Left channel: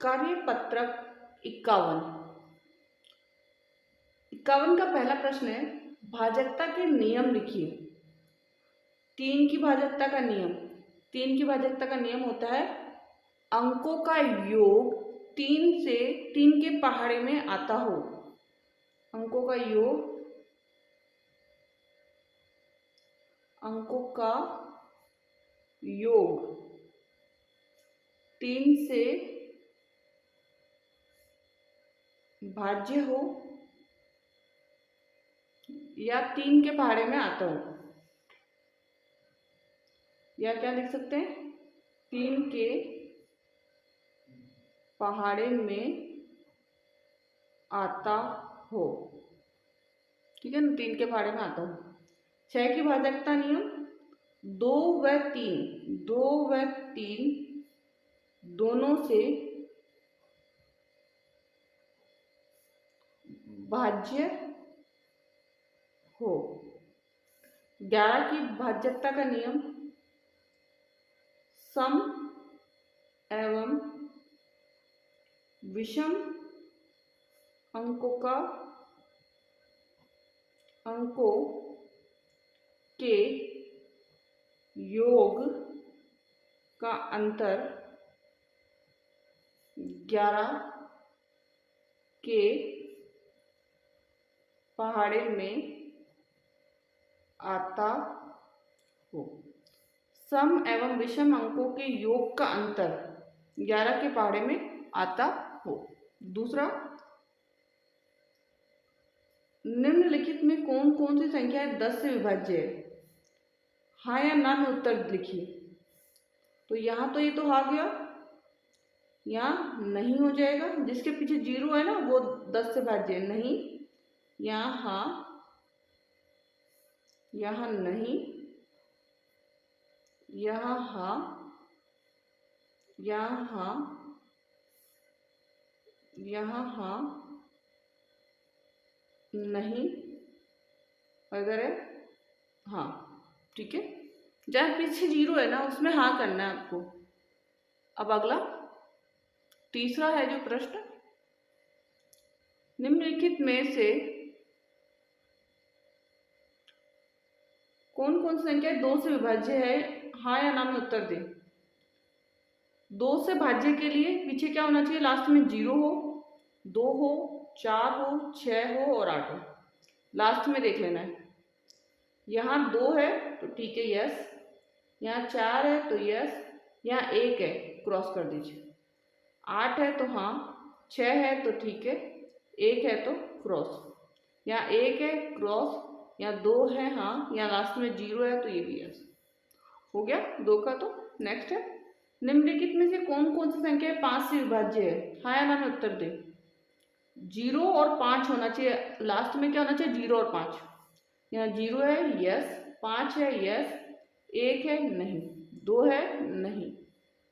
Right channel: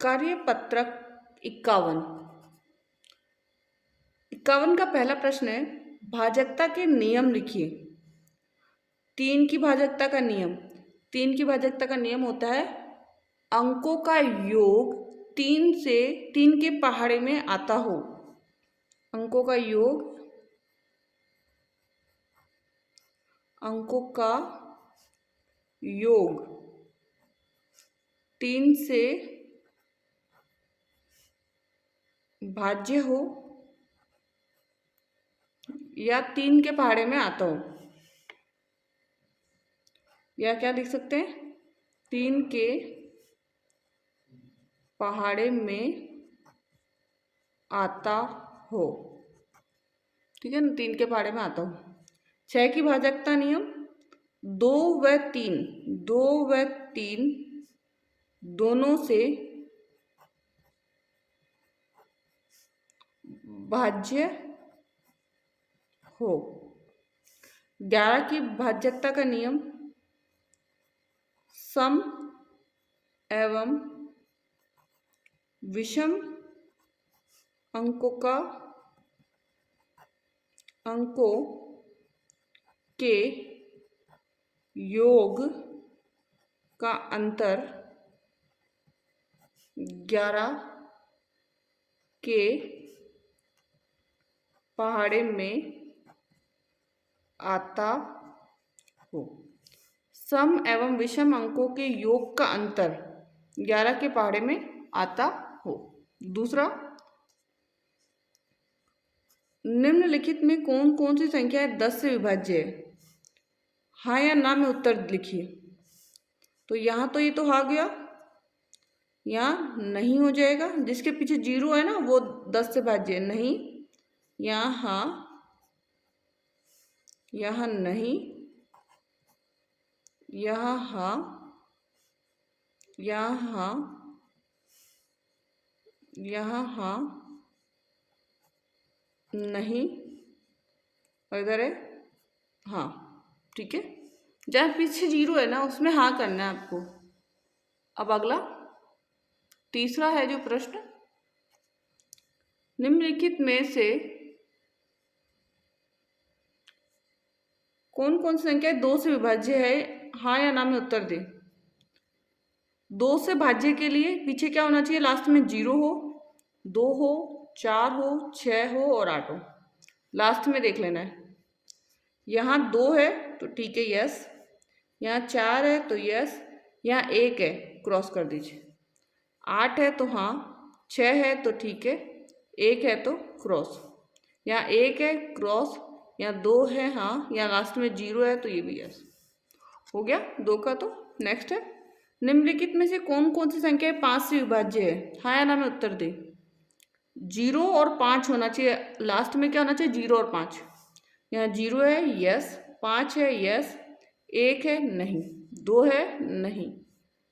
कार्यपत्रक 51। 51 का पहला प्रश्न है, भाजकता के नियम लिखिए। तीन की भाजकता का नियम। तीन की भाजकता का नियम होता है अंकों का योग तीन के पहाड़े में आता हो। अंकों का योग तीन से भाज्य हो या तीन के पहाड़े में आता हो, या क्या लिख सकते हैं, तीन के पहाड़े में आता हो। ठीक है ना, तीन के पहाड़े में आता हो। 6 की भाजकता नियम, 2 व 3 दोनों से भाज्य हो। 11 की भाजकता का नियम, सम एवं विषम अंकों के योग का अंतर 11 के पहाड़े में आता हो। सम एवं विषम अंकों के योग का अंतर 11 के पहाड़े में आता हो। दूसरा, निम्नलिखित में कौन कौन सी संख्याएं 10 से विभाज्य है? हाँ या ना में उत्तर लिखिए। तो यहाँ तो ये तो आ गया, यहाँ नहीं हो जाएगा। जिसके पीछे 0 है ना वो 10 से भाज्य है, नहीं। यहाँ हाँ, यहाँ नहीं, यहाँ हाँ, यहाँ हाँ, यहाँ हाँ, नहीं, और इधर है हाँ। ठीक है, जहाँ पीछे 0 है ना उसमें हाँ करना है आपको। अब अगला तीसरा है जो प्रश्न, निम्नलिखित में से कौन कौन सी संख्या 2 से विभाज्य है? हाँ या ना में उत्तर दें। 2 से भाज्य के लिए पीछे क्या होना चाहिए? लास्ट में 0 हो, 2 हो, 4 हो, 6 हो और 8 हो। लास्ट में देख लेना है। यहाँ 2 है तो ठीक है, यस। यहाँ 4 है तो यस। यहाँ 1 है, क्रॉस कर दीजिए। 8 है तो हाँ, 6 है तो ठीक है, 1 है तो क्रॉस। यहाँ 1 है, क्रॉस। यहाँ 2 है हाँ, यहाँ लास्ट में 0 है तो ये भी यस हो गया 2 का। तो नेक्स्ट है, निम्नलिखित में से कौन कौन सी संख्या 5 से विभाज्य है? हाँ या ना में उत्तर दे। 0 और 5 होना चाहिए, लास्ट में क्या होना चाहिए? 0 और 5। यहाँ 0 है, यस। 5 है, यस। 1 है, नहीं। 2 है, नहीं।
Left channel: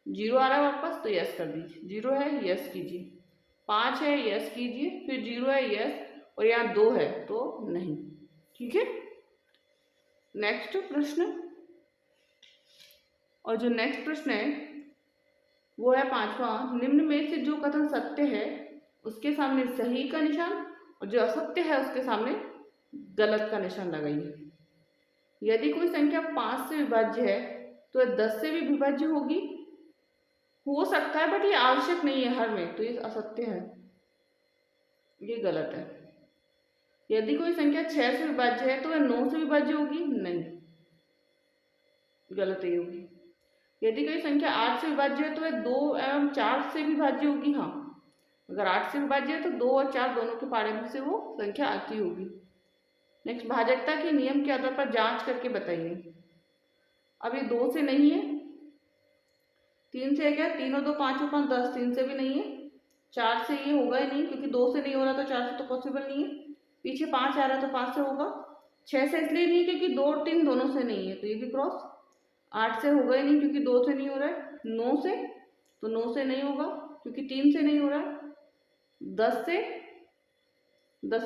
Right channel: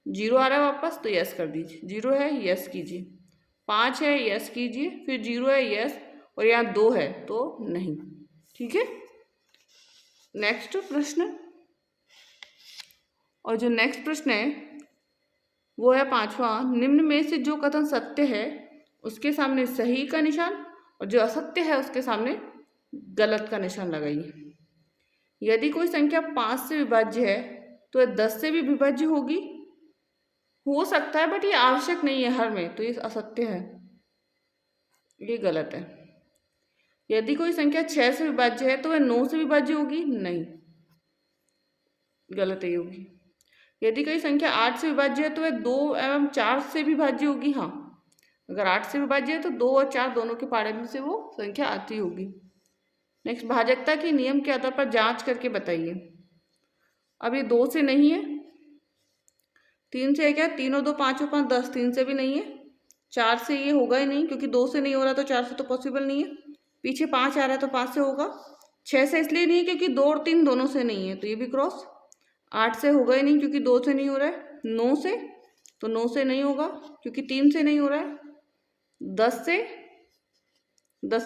0 आ रहा है वापस तो यस कर दीजिए। 0 है, यस कीजिए। 5 है, यस कीजिए। फिर 0 है, यस। और यहाँ 2 है तो नहीं। ठीक है, नेक्स्ट प्रश्न। और जो नेक्स्ट प्रश्न है वो है 5वां, निम्न में से जो कथन सत्य है उसके सामने सही का निशान और जो असत्य है उसके सामने गलत का निशान लगाइए। यदि कोई संख्या 5 से विभाज्य है तो यह 10 से भी विभाज्य होगी, हो सकता है, बट ये आवश्यक नहीं है हर में, तो ये असत्य है, ये गलत है। यदि कोई संख्या 6 से विभाज्य है तो वह 9 से विभाज्य होगी, नहीं, गलत है, होगी। यदि कोई संख्या 8 से विभाज्य है तो वह 2 एवं 4 से विभाज्य होगी, हाँ। अगर 8 से विभाज्य है तो 2 और 4 दोनों के पहाड़े में से वो संख्या आती होगी। नेक्स्ट, भाजकता के नियम के आधार पर जांच करके बताइए। अब ये 2 से नहीं है, 3 से है क्या? 3 और 2 5 और 5 10, 3 से भी नहीं है। 4 से ये होगा ही नहीं क्योंकि 2 से नहीं हो रहा तो 4 से तो पॉसिबल नहीं है। पीछे 5 आ रहा है तो 5 से होगा। 6 से इसलिए नहीं क्योंकि 2 और 3 दोनों से नहीं है तो ये भी क्रॉस। 8 से होगा ही नहीं क्योंकि 2 से नहीं हो रहा है। 9 से तो 9 से नहीं होगा क्योंकि 3 से नहीं हो रहा है। 10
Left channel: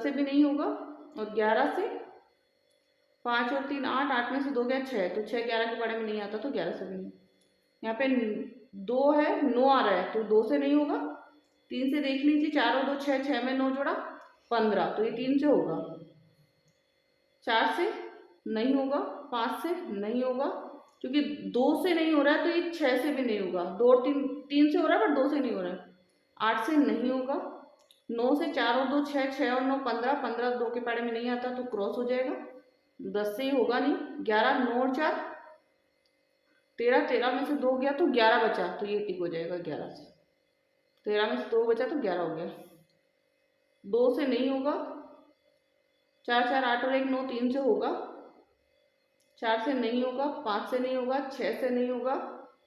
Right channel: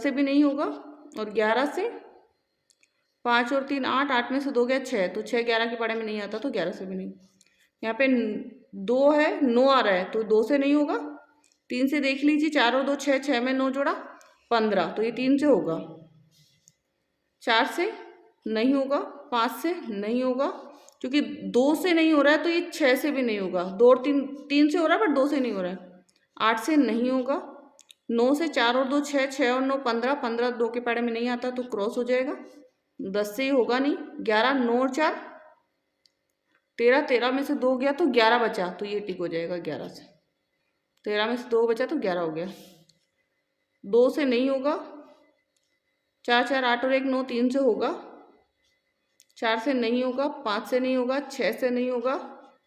से भी नहीं होगा। और 11 से 5 और 3 8, 8 में से 2 गया 6, तो 6 11 के पहाड़े में नहीं आता तो 11 से भी नहीं। यहाँ पे 2 है, 9 आ रहा है तो 2 से नहीं होगा। 3 से देख लीजिए, 4 और 2 6, 6 में 9 जोड़ा 15, तो ये 3 से होगा। 4 से नहीं होगा, 5 से नहीं होगा, क्योंकि 2 से नहीं हो रहा है तो ये 6 से भी नहीं होगा। 2 और 3, 3 से हो रहा है बट 2 से नहीं हो रहा है। 8 से नहीं होगा, 9 से 4 और 2 6, 6 और 9 15, 15 2 के पारे में नहीं आता तो क्रॉस हो जाएगा। 10 से ही होगा नहीं। 11, 9 और 4 13, 13 में से 2 गया तो 11 बचा, तो ये टिक हो जाएगा 11 से। 13 में से 2 बचा तो 11 हो गया। 2 से नहीं होगा, 4 4 8 और 1 9, 3 से होगा। 4 से नहीं होगा, 5 से नहीं होगा, 6 से नहीं होगा,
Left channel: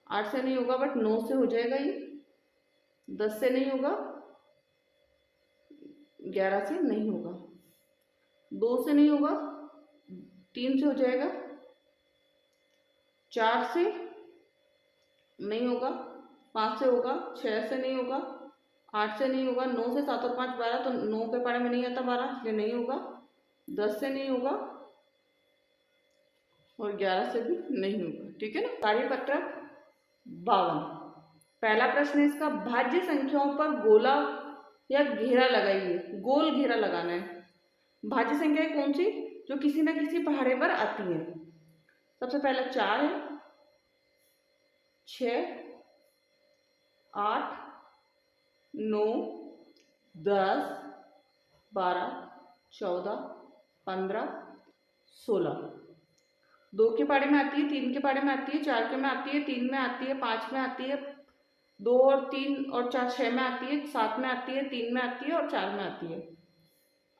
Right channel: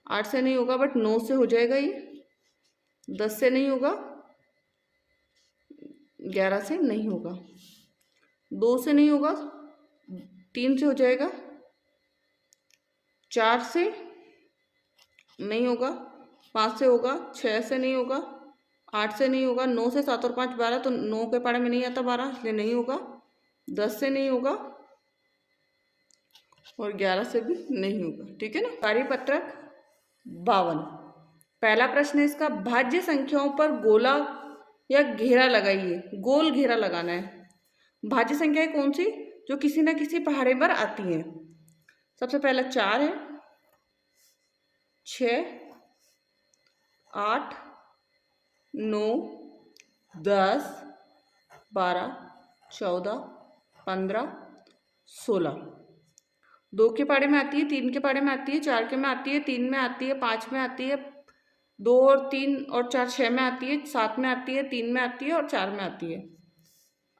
8 से नहीं होगा बट 9 से हो जाएगा ये। 10 से नहीं होगा, 11 से नहीं होगा। 2 से नहीं होगा, 3 से हो जाएगा। 4 से नहीं होगा, 5 से होगा, 6 से नहीं होगा, 8 से नहीं होगा, 9 से 7 और 5 12, तो 9 के पारे में नहीं आता 12, इसलिए नहीं होगा। 10 से नहीं होगा और 11 से भी नहीं होगा। ठीक है ना। कार्यपत्रक 52। पहला प्रश्न है इसका, भाज्य संख्याओं पर गोला या घेरा लगाइए। गोल घेरा लगाना है। भाज्य संख्याएं कौन सी जो किसी न किसी पहाड़े पर आती हैं? सबसे पहला 4 है, 6, 8, 9, 10, 12, 14, 15, 16। 2 के पारे में आती है, 3 के पारे में आती है, 4 के में आती है, 3 में आती है, 5 में आती है, 2 और 3 और 4 6 में आती है, 7 में आती है, 3 में आती है और 4 में आती है।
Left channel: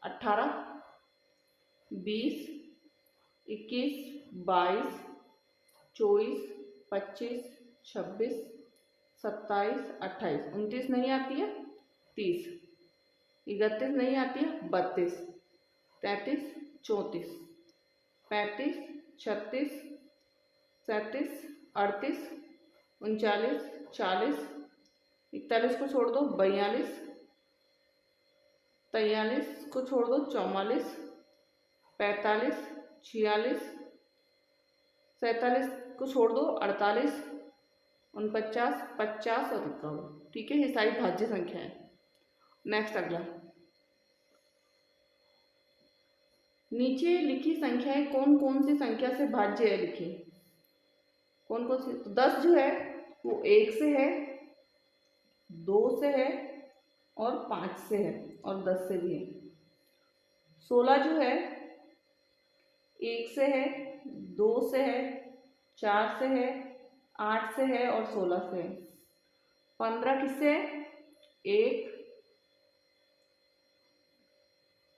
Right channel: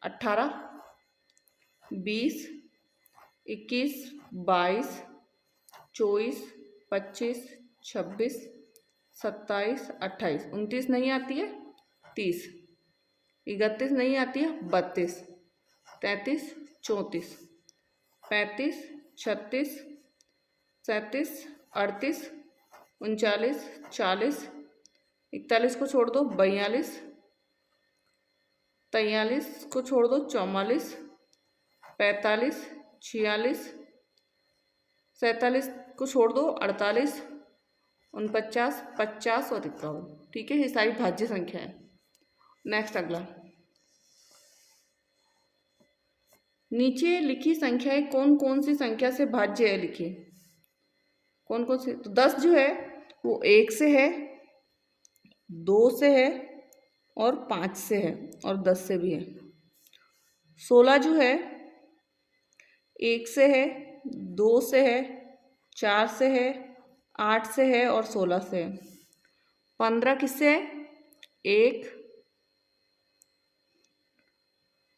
18, 20, 21, 22, 24, 25, 26, 27, 28, 29 नहीं आती है, 30, 31 नहीं आती है, 32, 33, 34, 35, 36, 37, 38, 39, 40, 41 को छोड़ दो 42, 43 को छोड़ दो 44, 45, 46, 47 को छोड़ दो 48, 49, 50 और 51। ठीक है, ये सारी भाज्य संख्या है। नेक्स्ट अगला, नीचे लिखी संख्याएं कौन कौन सी संख्या से भाज्य है लिखिए। कौन कौन सी? तो 10 जो है वो 1 से है, 2 से है और 5 से है और 10 से भी है। 16 जो है 1 से है, 2 से है, 4 से है, 8 से है और 16 से है। 15 किससे है? 1,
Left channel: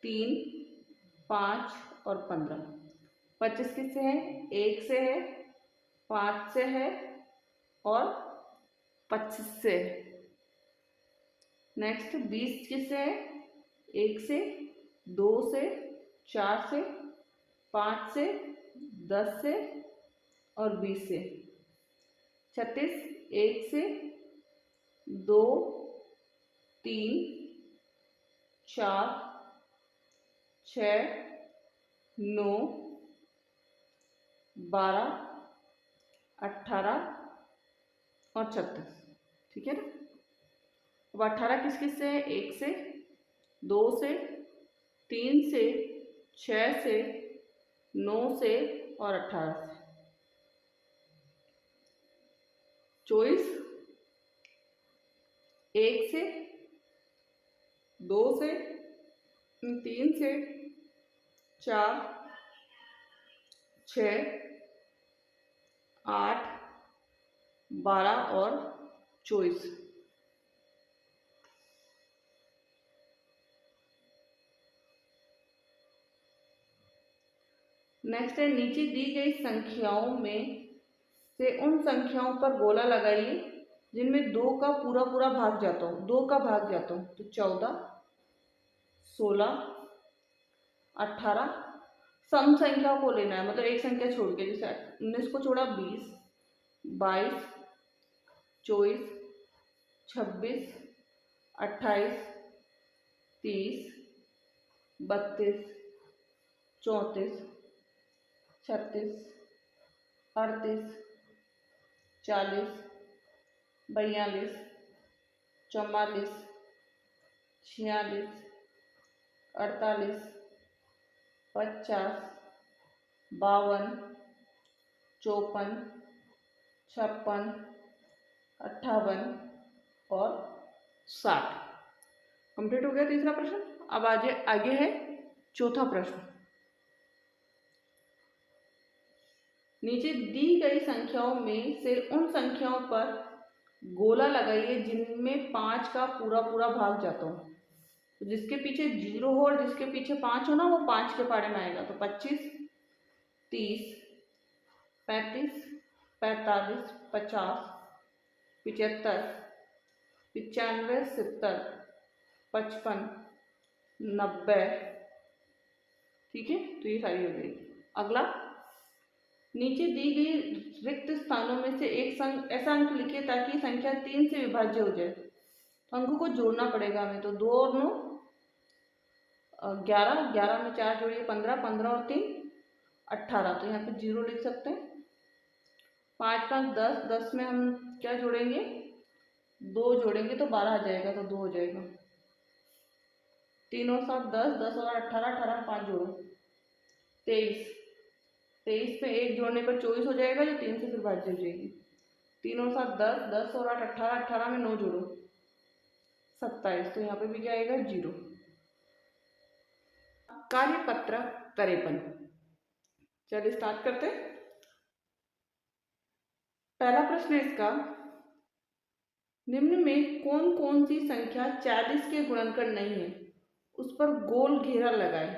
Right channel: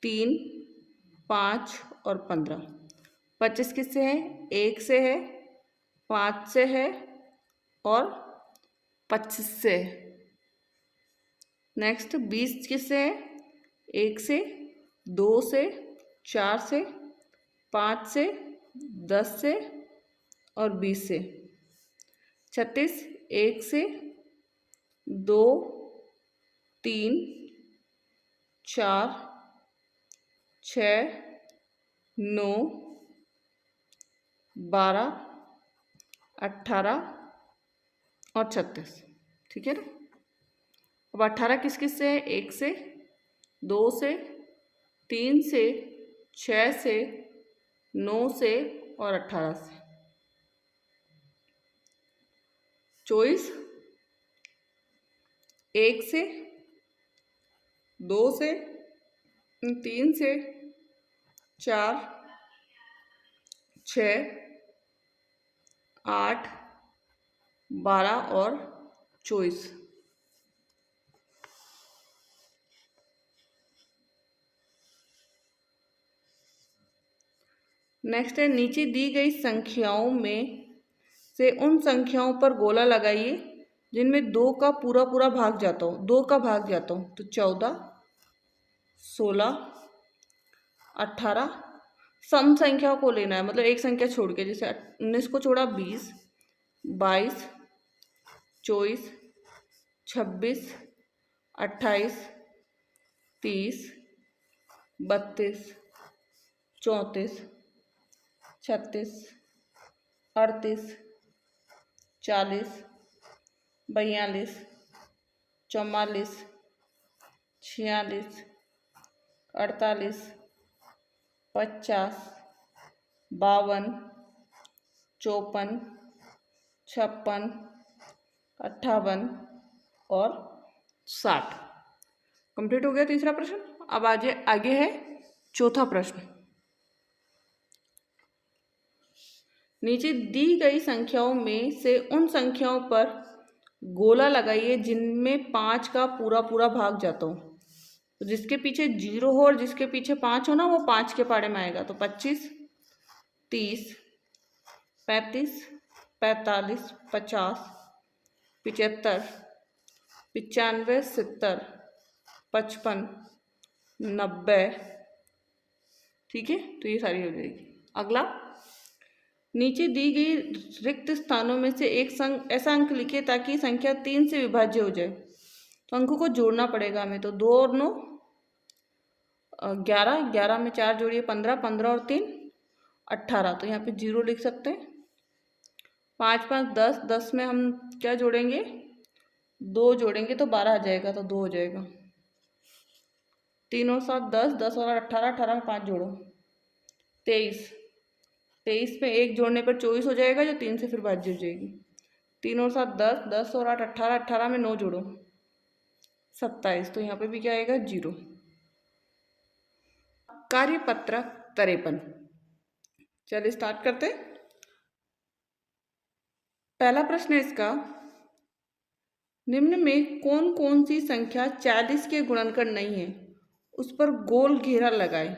3, 5 और 15। 25 किससे है? 1 से है, 5 से है और 25 से है। नेक्स्ट 20 किससे है? 1 से, 2 से, 4 से, 5 से, 10 से और 20 से। 36 1 से, 2, 3, 4, 6, 9, 12, 18 और 36। ठीक है ना। अब 18 किस किस से है? 1 से, 2 से, 3 से, 6 से, 9 से और 18 से। 24 1 से, 2 से, 3 से, 4, 6, 8, 12 और 24। नेक्स्ट है, नीचे दी गई संख्याओं में से उन संख्याओं पर गोला लगाइए जिनमें 2 का पूरा पूरा भाग जाता हो। 2 का भाग जाता हो तो 14, 16, 18। सम संख्याओं को लेना है, मतलब एक संख्या छोड़ के, जैसे 19 को छोड़ा 20, 22, 24, 26, 28, 30, 32, 34, 36, 38, 40, 42, 44, 46, 48, 50, 52, 54, 56, 58 और 60। कंप्लीट हो गया तीसरा प्रश्न। अब आगे है चौथा प्रश्न। नीचे दी गई संख्याओं में से उन संख्याओं पर गोला लगाइए जिनमें 5 का पूरा पूरा भाग जाता हो। तो जिसके पीछे 0 हो और जिसके पीछे 5 हो ना, वो 5 के पाड़े में आएगा। तो 25, 30, 35, 45, 50, 75, 95, 70, 55, 90। ठीक है, तो ये सारी हो जाएगी। अगला, नीचे दी गई रिक्त स्थानों में से एक ऐसा अंक लिखिए ताकि संख्या 3 से विभाज्य हो जाए। तो अंकों को जोड़ना पड़ेगा हमें। तो 2 और 9 11, 11 में 4 जोड़िए 15, 15 और 3 18। तो यहाँ पे 0 लिख सकते हैं। 5, 5, 10, 10 में हम क्या जोड़ेंगे? 2 जोड़ेंगे तो 12 आ जाएगा, तो 2 हो जाएगा। 3 और 7 10, 10 और 18, 18 में 5 जोड़ो 23, 23 में 1 जोड़ने पर 24 हो जाएगा, जो 3 से फिर भाज्य हो जाएगी। 3 और 7 10, 10 और 8 18, 18 में 9 जोड़ो 27। तो यहाँ पे भी क्या आएगा? 0। कार्यपत्रक 53। चलिए स्टार्ट करते। पहला प्रश्न है इसका, निम्न में कौन कौन सी संख्या 40 के गुणनखंड नहीं है, उस पर गोल घेरा लगाए।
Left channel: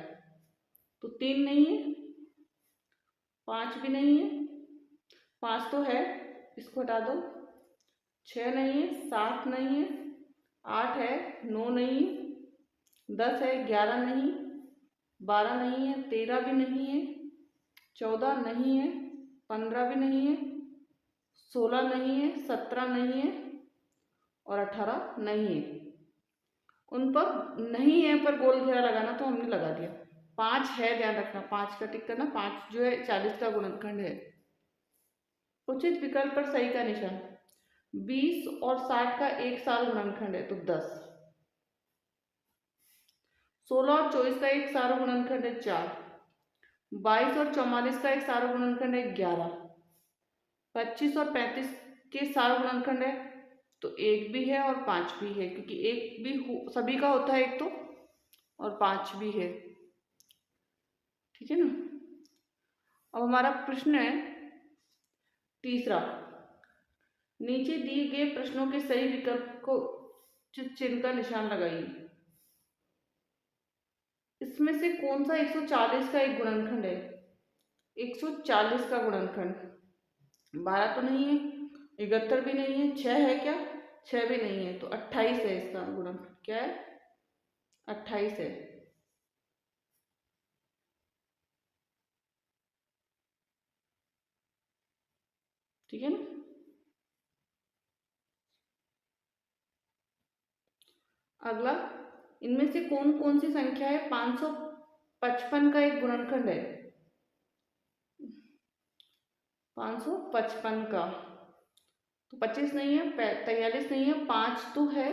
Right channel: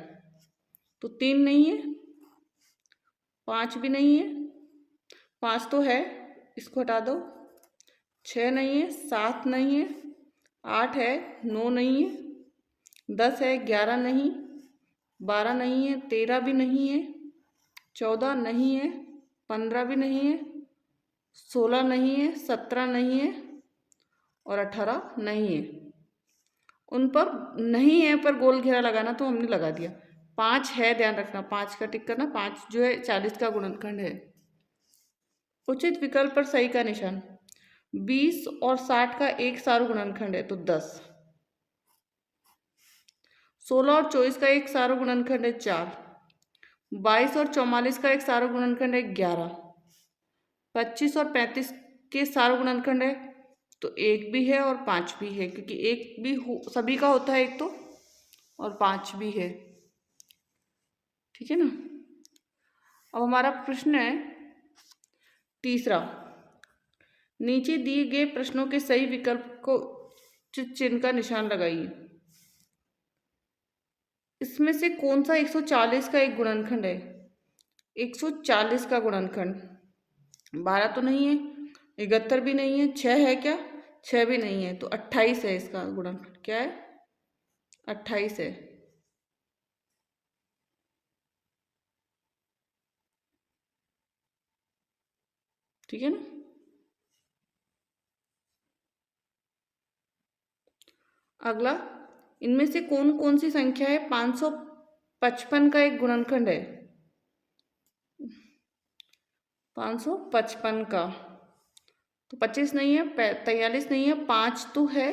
तो 3 नहीं है, 5 भी नहीं है, 5 तो है, इसको हटा दो। 6 नहीं है, 7 नहीं है, 8 है, 9 नहीं है, 10 है, 11 नहीं, 12 नहीं है, 13 भी नहीं है, 14 नहीं है, 15 भी नहीं है, 16 नहीं है, 17 नहीं है और 18 नहीं है। उन पर नहीं है पर गोल घेरा लगाना, तो हमने लगा दिया। 5 है, ध्यान रखना, 5 का टिक करना। 5 जो है 40 का गुणनखंड है। उचित विकल्प पर सही का निशान। 20 और 60 का एक सारू गुणनखंड है, तो 10। 16 और 24 का एक सारू गुणनखंड है, 4। 22 और 44 का एक सारू गुणनखंड है, 11। 25 और 35 के सारू गुणनखंड है, तो 1 भी है और 5 भी है, क्योंकि 1 भी सभी का होता है एक तो, और 5 भी है। ठीक है ना। अब हमारा प्रश्न है तीसरा, नीचे दिए गए प्रश्नों के सही विकल्प को चिन्ह का निशान लगाइए। इसमें से कौन सा 140 का एक गुणनखंड है? 140 का गुणनखंड 12 तो नहीं है, 71 भी नहीं है, 6 है क्या? 6 भी नहीं है, तो 28 है इसका गुणनखंड। क्या है? 28 है। ठीक है ना। अगला, इनमें से कौन कौन सी संख्या है 555 का एक गुणनखंड है? 555 का, तो 25 नहीं है, 43 नहीं है, 5 तो है,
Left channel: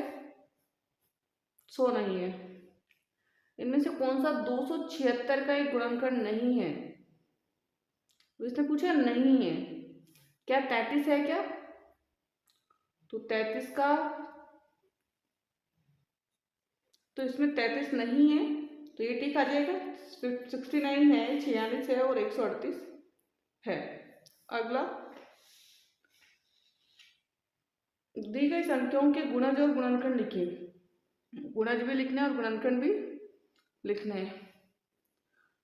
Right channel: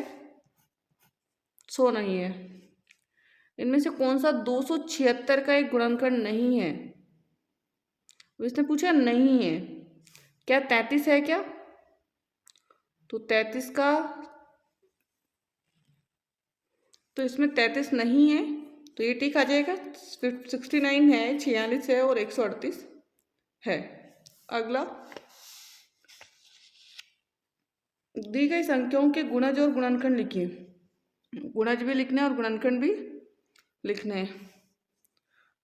100 नहीं है। इनमें से कौन सा 276 का एक गुणनखंड नहीं है? इसने पूछा नहीं है। क्या 33 है क्या? तो 33 का, तो इसमें 33 नहीं है, तो ये टिक आ जाएगा। 69 है, 46 है और 138 है। अगला, दी गई संख्याओं के गुणज और गुणनखंड लिखिए। गुणज भी लिखना है और गुणनखंड भी लिखना है।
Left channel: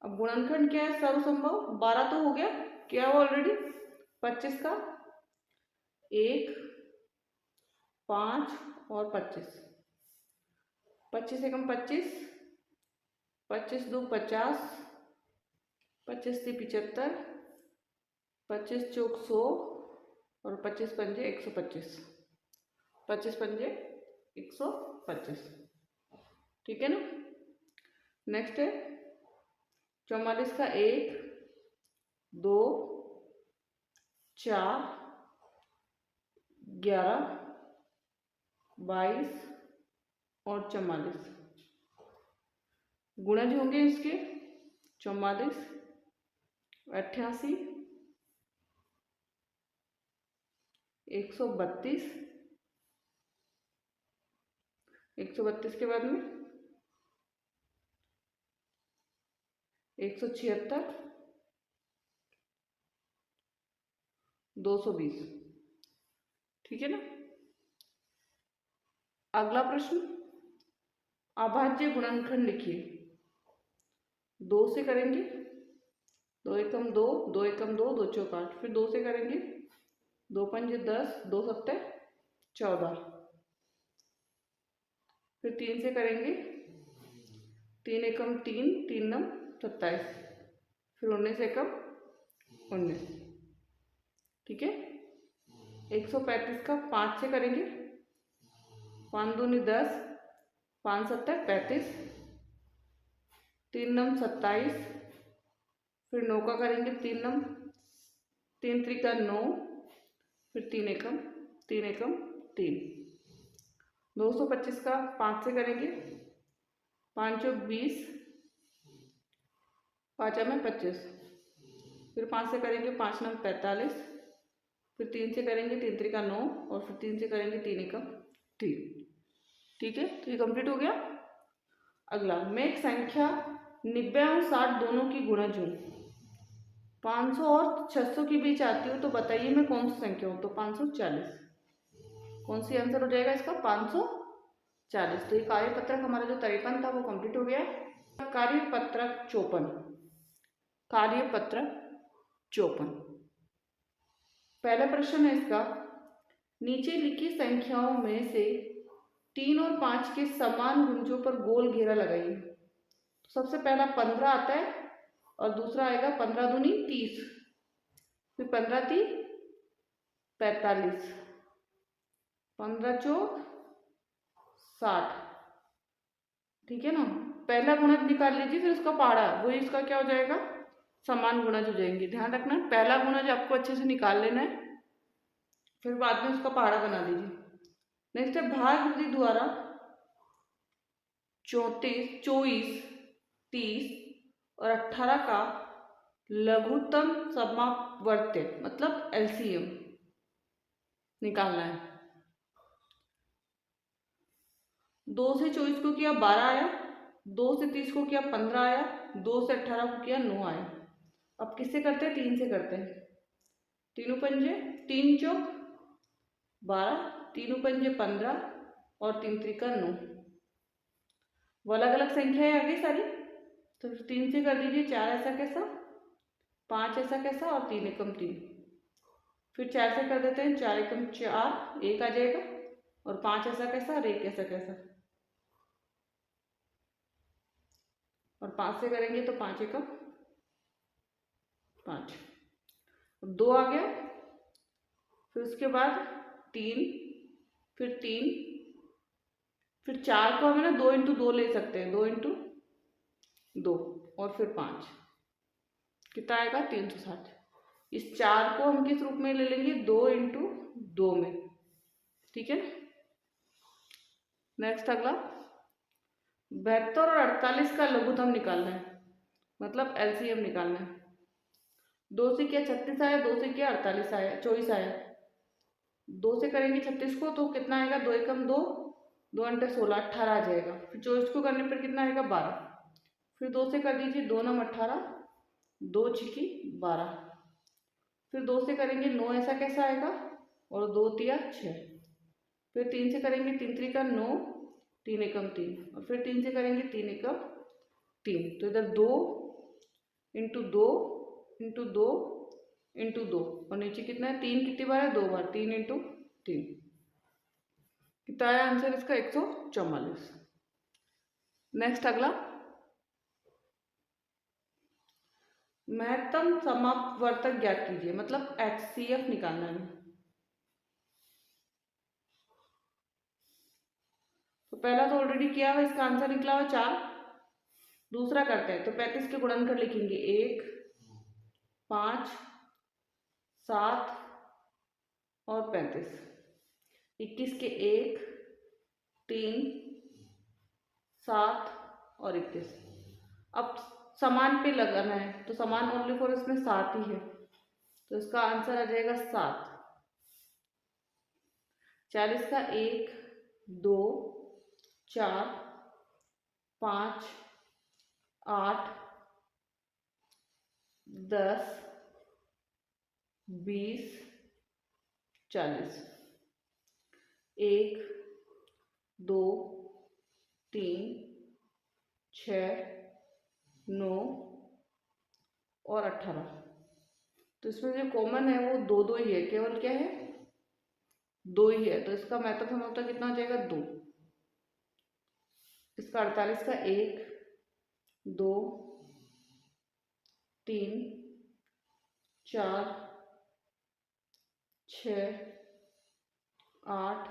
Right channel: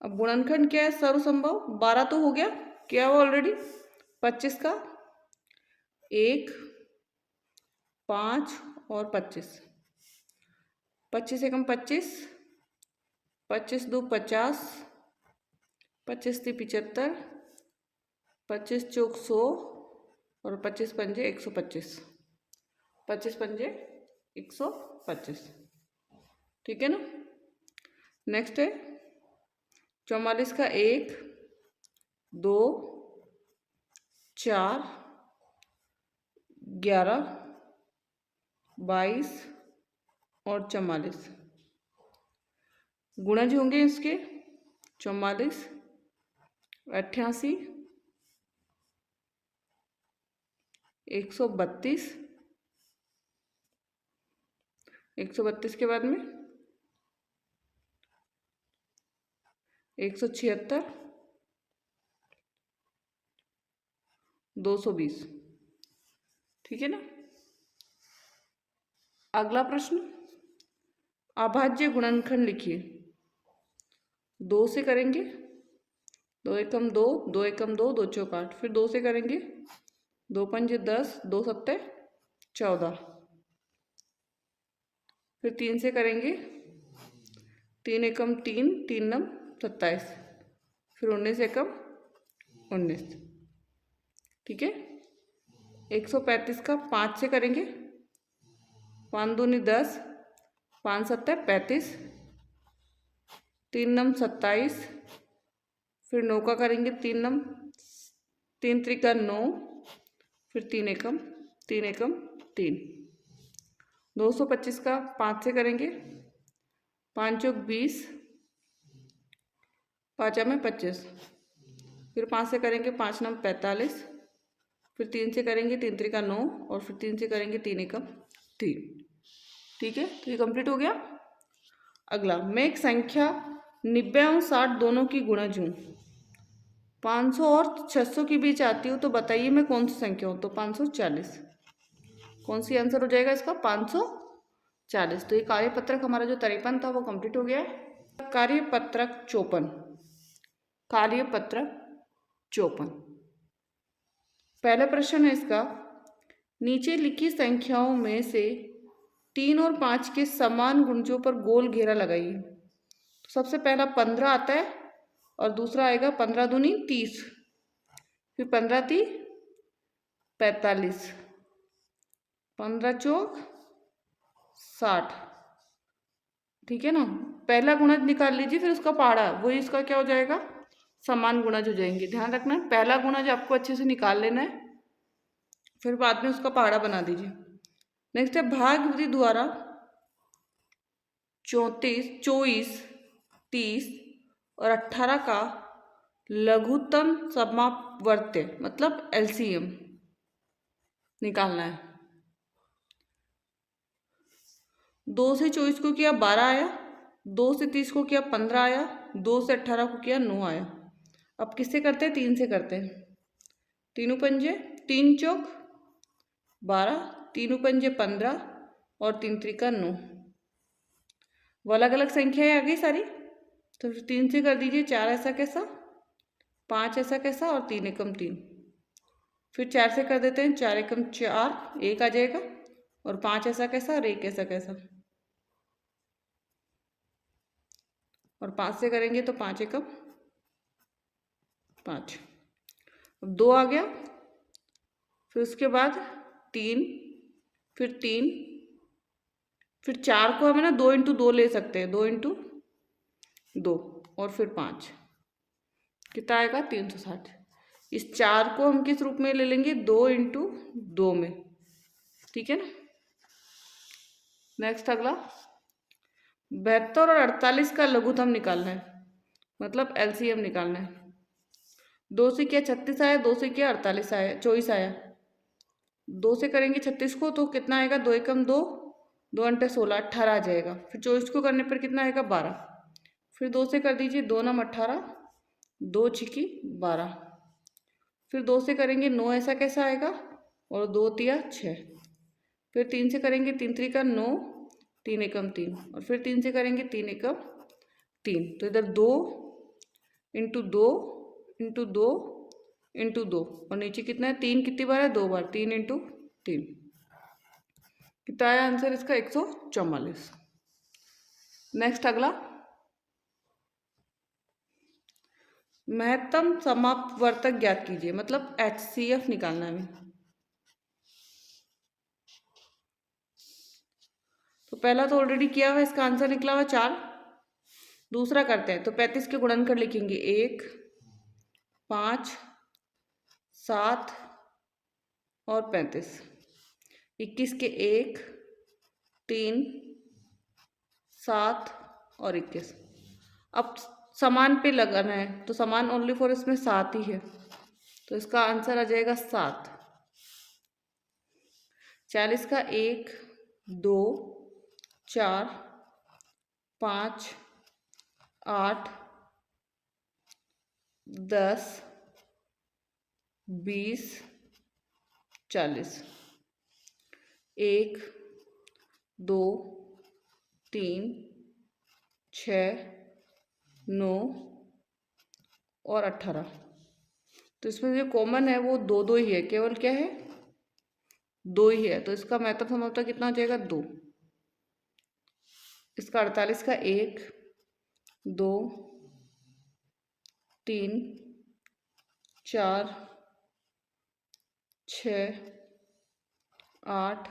अब गुणनखंड क्या है? सर्वसंभव। 12 तो हो गया, क्या हुआ ऑलरेडी। 25 का 1, 5 और 25। 25 एकम 25, 25 दो 50, 25 ती 75, 25 चौक 100 और 25 पंजे 125। 25 पंजे 125। ठीक है ना। नेक्स्ट है 44 का 1, 2, 4, 11, 22 और 44 गुणज होंगे इसके 44, 88, 132, 132 के बाद में 176, 220। ठीक है ना। अगला प्रश्न, अभाज्य गुणनखंड लिखिए। 2 से करेंगे, 2 एकम 2, 2 एकम 2, 2 चौक 8, फिर 2 से करेंगे, 2 पंजे 10, 2 सत्ते 14, फिर 3 से करेंगे, 3 एकम 3, 3 नम 27, फिर 19 एकम 19। ठीक है। 135 का 5 से करेंगे, 5 दूनी 10, 5 सत्ते 35, 3 नम 27, फिर 9 का करेंगे, 3 नम 3 त्रिका 9, फिर 3 एकम 3 एकम 3। 225 का 5 से करेंगे, 5 चौक 20, 5 में 25, फिर 5 से करेंगे, 5 नम 45, फिर 3 से करेंगे, 3 त्रिका 9, और फिर 3 से करेंगे, 3 एकम 3। ठीक है, तो ये कंप्लीट हो गया। अगला, मैं एक संख्या 90 और 60 दोनों की गुणज हूँ, 500 और 600 के बीच आती हूँ, तो बताइए मैं कौन सी संख्या हूँ। तो 540, कौन सी आंसर हो जाएगा इसका, 540। तो ये कार्यपत्रक हमारा जो 53 था वो कंप्लीट हो गया है। कार्यपत्रक 54, कार्यपत्रक 54, पहला प्रश्न है इसका, नीचे लिखी संख्याओं में से 3 और 5 के समान गुणजों पर गोल घेरा लगाइए। तो सबसे पहला 15 आता है, और दूसरा आएगा 15 दूनी 30, फिर 15 ती 45, 15 चौक 60। ठीक है ना। पहला गुणज निकाल लीजिए, फिर उसका पहाड़ा, वही इसका क्या हो जाएगा, समान गुणज हो जाएंगे। ध्यान रखना, पहला गुणज आपको अच्छे से निकाल लेना है, फिर बाद में उसका पहाड़ा बना दीजिए। नेक्स्ट है, भाग विधि द्वारा 34, 24, 30 और 18 का लघुत्तम समापवर्त्य मतलब एलसीएम निकालना है। 2 से 24 को किया 12 आया, 2 से 30 को किया 15 आया, 2 से 18 को किया 9 आया। अब किससे करते हैं, 3 से करते हैं। तीनों पंजे 3 चौक 12, तीनों पंजे 15 और 3 त्रिका 9। वो अलग अलग संख्याएं आ गई सारी, तो 3 से कर दीजिए, 4 ऐसा कैसा, 5 ऐसा कैसा, और 3 एकम 3। फिर 4 से कर देते हैं, 4 एकम 4, 1 आ जाएगा, और 5 ऐसा कैसा और 1 ऐसा कैसा, और 5 से करेंगे तो 5 एकम 5। अब 2 आ गया, फिर उसके बाद 3, फिर 3, फिर 4 को हमें ना 2 इंटू 2 ले सकते हैं, 2 इंटू 2, और फिर 5, कितना आएगा 360। इस 4 को हम किस रूप में ले लेंगे, 2 इंटू 2 में। ठीक है ना। नेक्स्ट अगला, 72 और 48 का लघुत्तम निकालना है, मतलब एलसीएम निकालना है। 2 से किया 36 आया, 2 से किया 48 आया, 24 आया। 2 से करेंगे 36 को तो कितना आएगा, 2 एकम 2, 2 अंटे 16, 18 आ जाएगा। फिर 24 को करने पर कितना आएगा, 12। फिर 2 से कर दीजिए, 2 नम 18, 2 छिकी 12। फिर 2 से करेंगे 9 ऐसा कैसा आएगा, और 2 तिया 6। फिर 3 से करेंगे, 3 त्रिका 9, 3 एकम 3, और फिर 3 से करेंगे 3 एकम 3। तो इधर 2 इंटू 2 इंटू 2 इंटू 2, और नीचे कितना है, 3 कितनी बार है, 2 बार, 3 इंटू 3। कितना आया आंसर इसका, 144। नेक्स्ट अगला, महत्तम समापवर्तक ज्ञात कीजिए, मतलब एचसीएफ निकालना है हमें। तो पहला तो ऑलरेडी किया हुआ, इसका आंसर निकला हुआ 4। दूसरा करते हैं, तो 35 के गुणनखंड लिखेंगे, 1, 5, 7 और 35। 21 के 1, 3, 7 और 21। अब समान पे लगाना है तो समान ओनली फॉर इसमें 7 ही है, तो इसका आंसर आ जाएगा 7। 40 का 1, 2, 4, 5, 8, 10, 20, 40। 1, 2, 3, 6, 9 और 18। तो इसमें जो कॉमन है वो दो दो ही है, केवल क्या है, दो ही है, तो इसका मेथड समझता कितना हो जाएगा, 2। इसका 48 का 1, 2, 3, 4, 6, 8,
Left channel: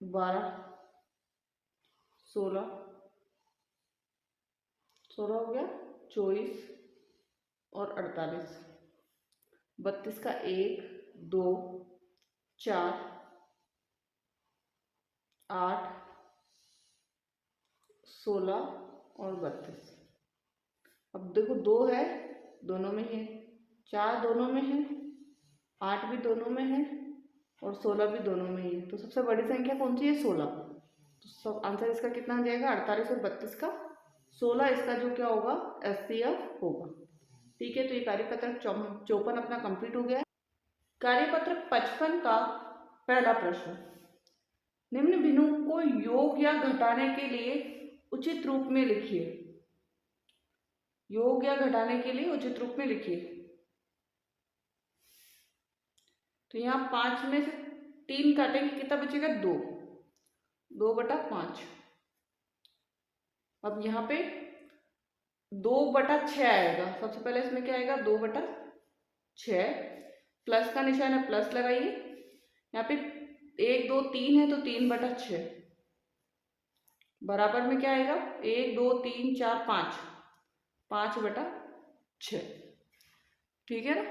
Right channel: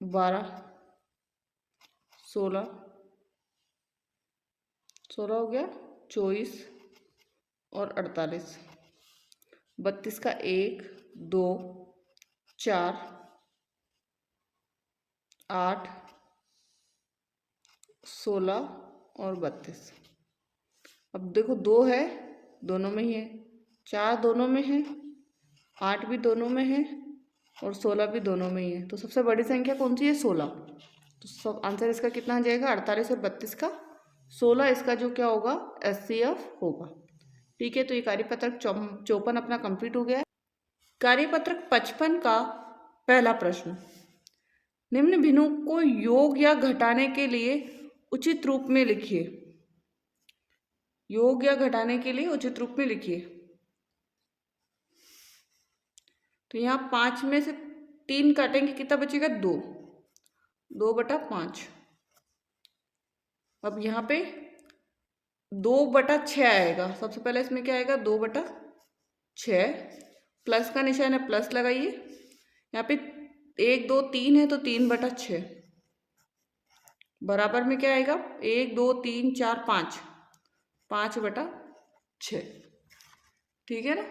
12, 16 हो गया, 24 और 48। 32 का 1, 2, 4, 8, 16 और 32। अब देखो 2 है, दोनों में ही है, 4 दोनों में है, 8 भी दोनों में है और 16 भी दोनों में ही है, तो सबसे बड़ी संख्या कौन सी है, 16। तो सब आंसर इसका कितना आ जाएगा, 48 और 32 का 16 इसका जो क्या होगा, HCF होगा। ठीक है, तो ये कार्यपत्रक 54 अपना कंप्लीट हो गया है। कार्यपत्रक 55 का पहला प्रश्न, निम्न भिन्नों को योग या घटाने के लिए उचित रूप में लिखिए। योग या घटाने के लिए उचित रूप में लिखिए। तो यहाँ 5 में से 3 काटेंगे, कितना बचेगा, 2, 2/5। अब यहाँ पे 2/6 आएगा, सबसे पहले इसमें क्या आएगा, 2/6, प्लस का निशान है, प्लस लगाइए। यहाँ पे 1, 2, 3 है तो 3/6, बराबर में क्या आएगा, 1, 2, 3, 4, 5, 5/6। ठीक है ना।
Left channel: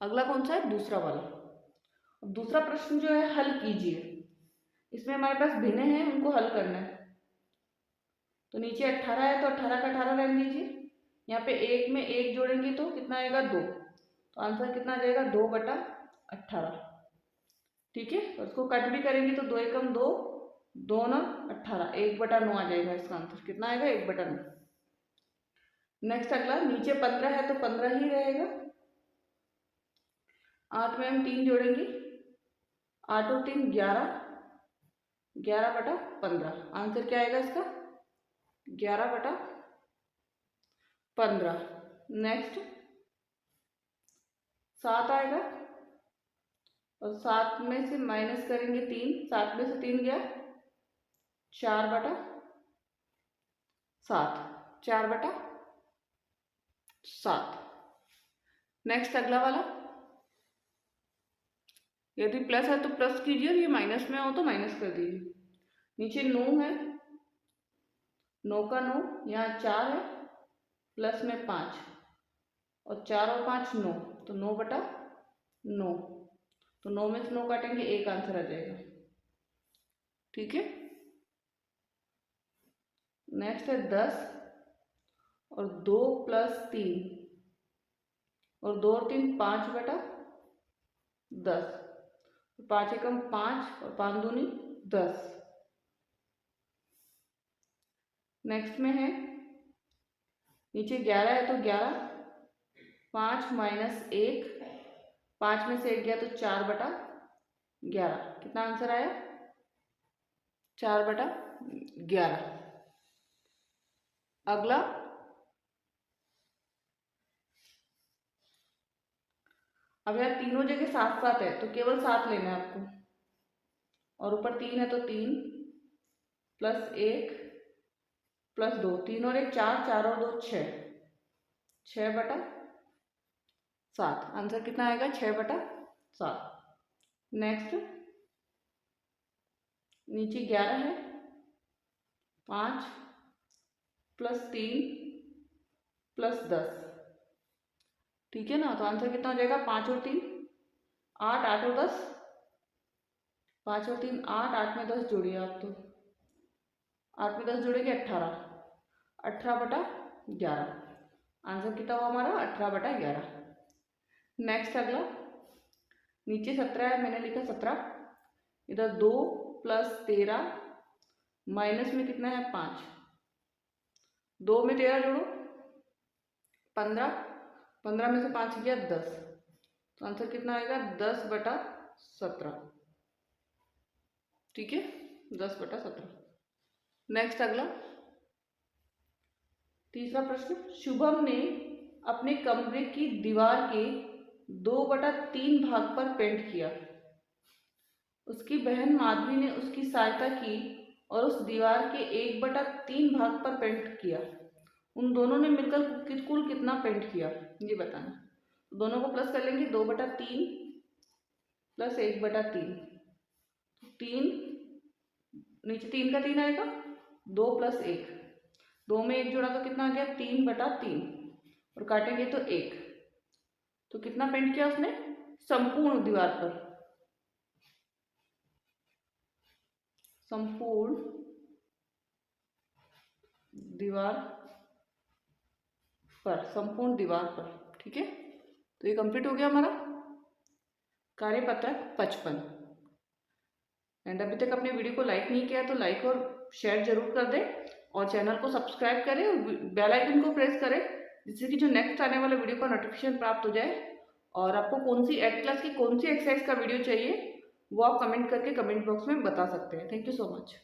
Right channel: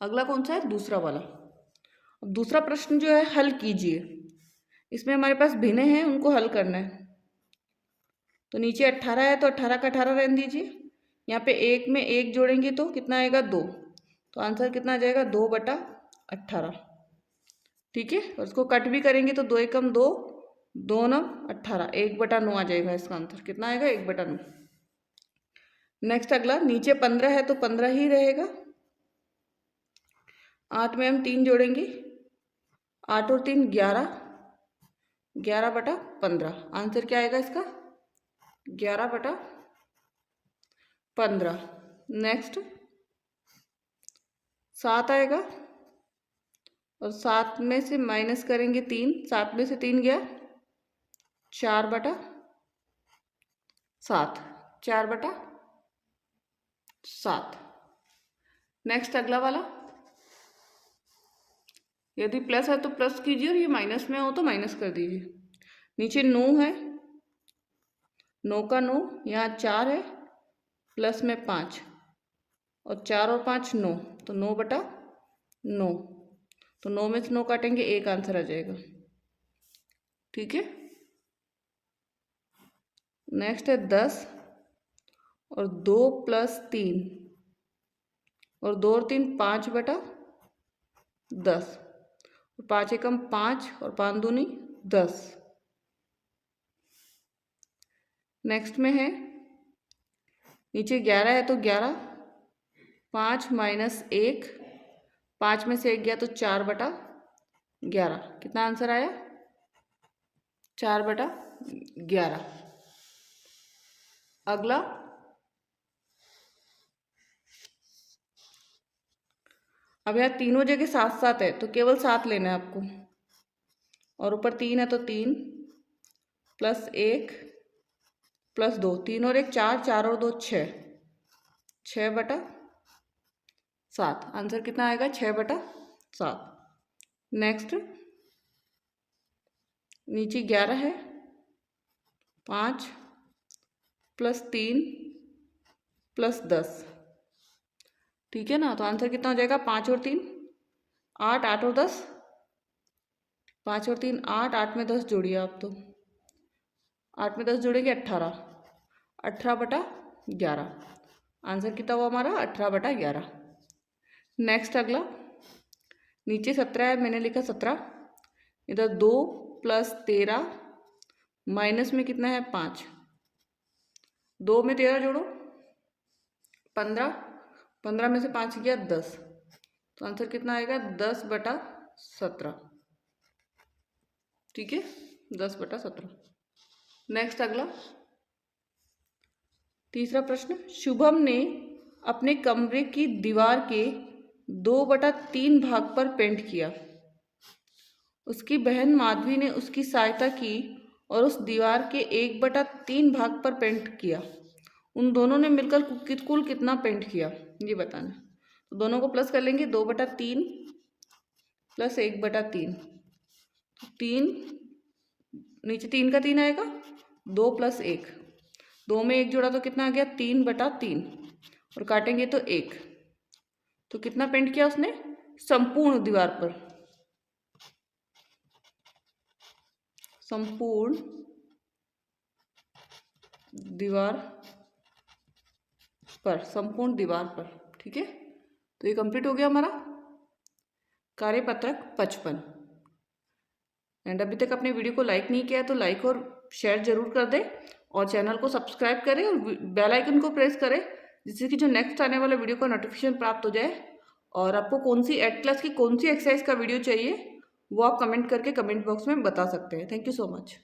अगला कौन सा है, दूसरा वाला। अब दूसरा प्रश्न जो है हल कीजिए। इसमें हमारे पास भिन्न हैं, उनको हल करना है। तो नीचे 18 है तो 18 का 18 रहने दीजिए। यहाँ पे 1 में 1 जोड़ेंगे तो कितना आएगा, 2। तो आंसर कितना आ जाएगा, 2/18। ठीक है, और उसको कट भी करेंगे तो 2 एकम 2, 2 9 18, 1/9 आ जाएगा। इसका आंसर कितना आएगा, 1/9। नेक्स्ट अगला, नीचे 15 है तो 15 ही रहेगा। 8 में हम 3 जोड़ेंगे, 8 और 3 11, 11/15। आंसर क्या आएगा इसका, 11/15। नेक्स्ट 7 आएगा और 7 में से माइनस करेंगे 3, 7 में से 3 गया, 4/7, 4/7। नेक्स्ट अगला वाला, यदि प्लस है तो प्लस कीजिए और ये माइनस में हो तो माइनस कर दीजिए। नीचे 9 है, 9 का 9, यहाँ 4 है, प्लस में 5 और 4 और 5 9, तो 9/9। तो 9 में से 9 काटेंगे, 1 आंसर आ जाएगा। ठीक है। नेक्स्ट है 10 और 2 + 3 और 2 और 3 5/10, 5 एकम 5 और 5 दूनी 10। नेक्स्ट में है, नीचे 11 है तो 11, 5 - 1, 5 में से 1 गया तो 4/11। कितना आंसर आया, 4/11। अगला, अब यहाँ तीनों जगह 7 7 है तो केवल 7 लेना है आपको, और ऊपर 3 है तो 3 + 1 + 2, 3 और 1 4, 4 और 2 6, 6/7। आंसर कितना आएगा, 6/7। नेक्स्ट, नीचे 11 है, 5 + 3 + 10। ठीक है ना, तो आंसर कितना हो जाएगा, 5 और 3 8, 8 और 10 5 और 3 8, 8 में 10 जोड़िए आप तो, 8 में 10 जोड़ेंगे 18, 18/11। आंसर कितना हुआ हमारा 18/11। नेक्स्ट अगला, नीचे 17 है, मैंने लिखा 17, इधर 2 + 13 माइनस में कितना है 5, 2 में 13 जोड़ो 15, 15 में से 5 गया 10, तो आंसर कितना आएगा 10/17। ठीक है, 10/17। नेक्स्ट अगला, तीसरा प्रश्न, शुभम ने अपने कमरे की दीवार के 2/3 भाग पर पेंट किया। उसकी बहन माधवी ने उसकी सहायता की और उस दीवार के 1/3 भाग पर पेंट किया। उन दोनों ने मिलकर कुल कितना पेंट किया, ये बताना। तो दोनों को प्लस कर लेंगे, 2/3 + 1/3, 3, नीचे 3 का 3 आएगा, 2 + 1, 2 में 1 जोड़ा तो कितना आ गया 3/3, और काटेंगे तो 1, तो कितना पेंट किया उसने संपूर्ण दीवार पर, संपूर्ण दीवार पर, संपूर्ण दीवार पर। ठीक है, तो ये कंप्लीट हो गया हमारा कार्यपत्रक 55। एंड अभी तक अपने वीडियो को लाइक नहीं किया तो लाइक और शेयर जरूर कर दें, और चैनल को सब्सक्राइब करें और बेल आइकन को प्रेस करें, जिससे कि जो नेक्स्ट आने वाला वीडियो का नोटिफिकेशन प्राप्त हो जाए। और आपको कौन सी 8th क्लास की कौन सी एक्सरसाइज का वीडियो चाहिए वो आप कमेंट करके कमेंट बॉक्स में बता सकते हैं। Thank you so much.